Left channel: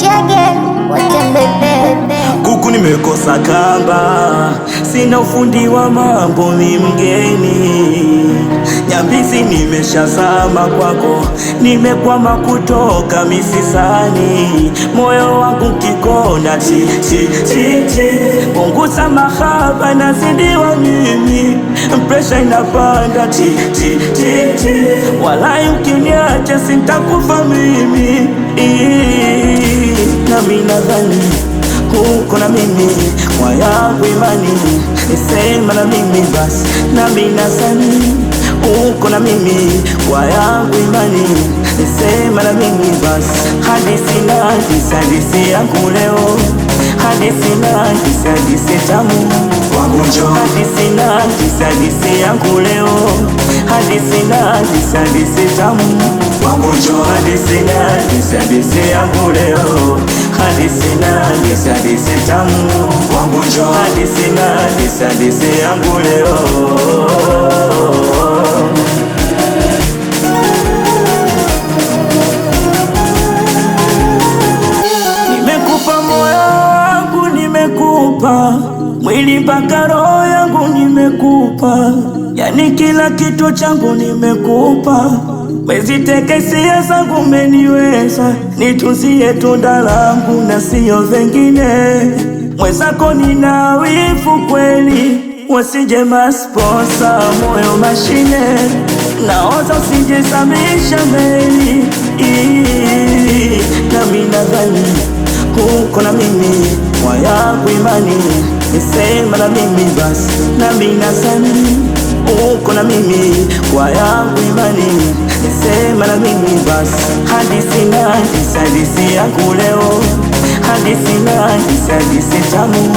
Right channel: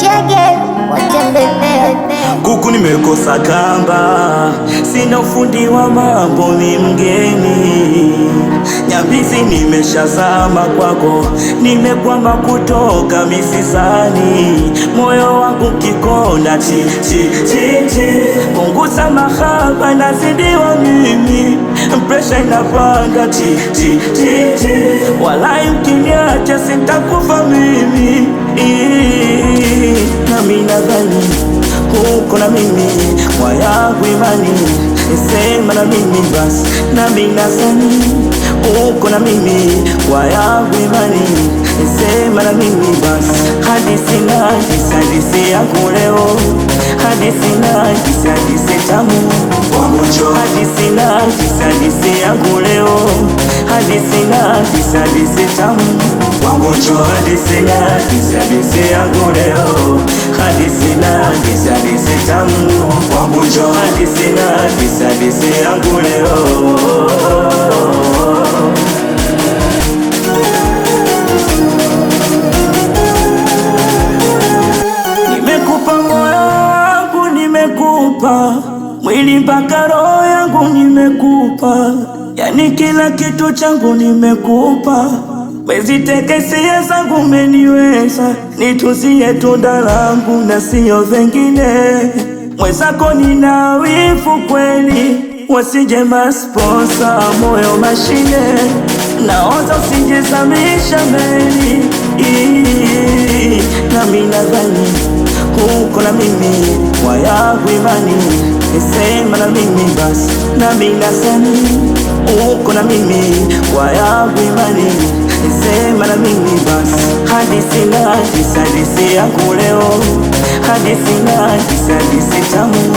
Chege watembebe kuku nimekosa kamba, sina ufundi wa mambo, ni mgeni Nyambizi nimeshazama kwako, nimekwama kutoka misisani, moyo wangu kikona chi punguza mahaba nazidiwa mimi, presha inapanda ti walai ukiniacha sintakufa mimi. Nami nadhani uko na mimi, kwa yangu imani nisema na mimi basi. Nami nadhani uko na mimi, kwa yangu imani nisema na mimi basi. Hadithi yangu leo, hadithi tamu, hadithi yangu leo, hadithi tamu, hadithi yangu leo, hadithi tamu, hadithi yangu leo. Nimekupa moyo wangu, nimekupa mwili mpaka roho yangu, nimekupa yani kila kitu changu nimekupa. Mezitekesia zangu umeniweza, nituzie tunda langu na sio vengine. Mwezako nina wivu kweli, wasije masponsa moyo mashine, naoza usijezamisha meli. Nami nadhani uko na mimi, kwa yangu imani nisema na mimi basi. Nami nadhani uko na mimi, kwa yangu imani nisema na mimi basi. Hadithi yangu leo, hadithi tamu,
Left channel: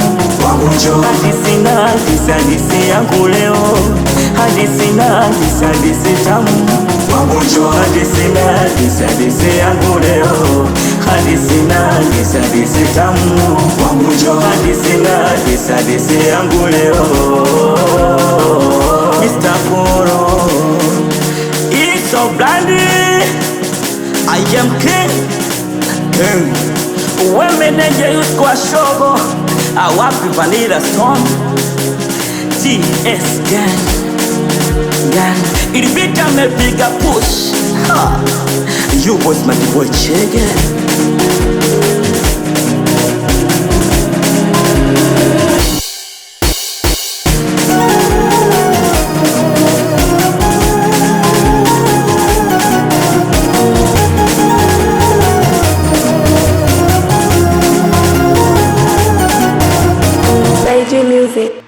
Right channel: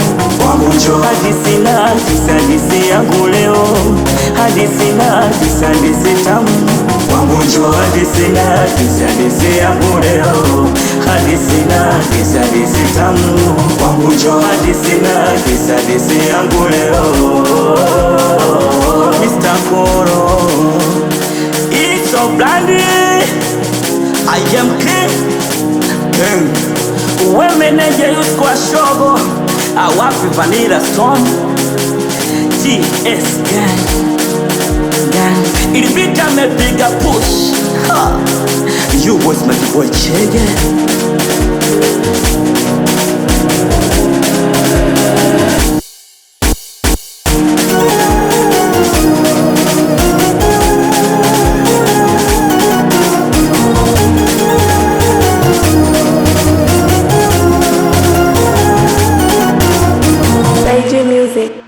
hadithi yangu leo, hadithi tamu, hadithi yangu leo, hadithi tamu, hadithi yangu leo. Mr. Koro, it's so blandy, I am king. Uwe meneja yusko wa shogo, awapi Vanilla Stone, GS gang, ilibita mepiga push. Ha, you was my boy Chege. Music.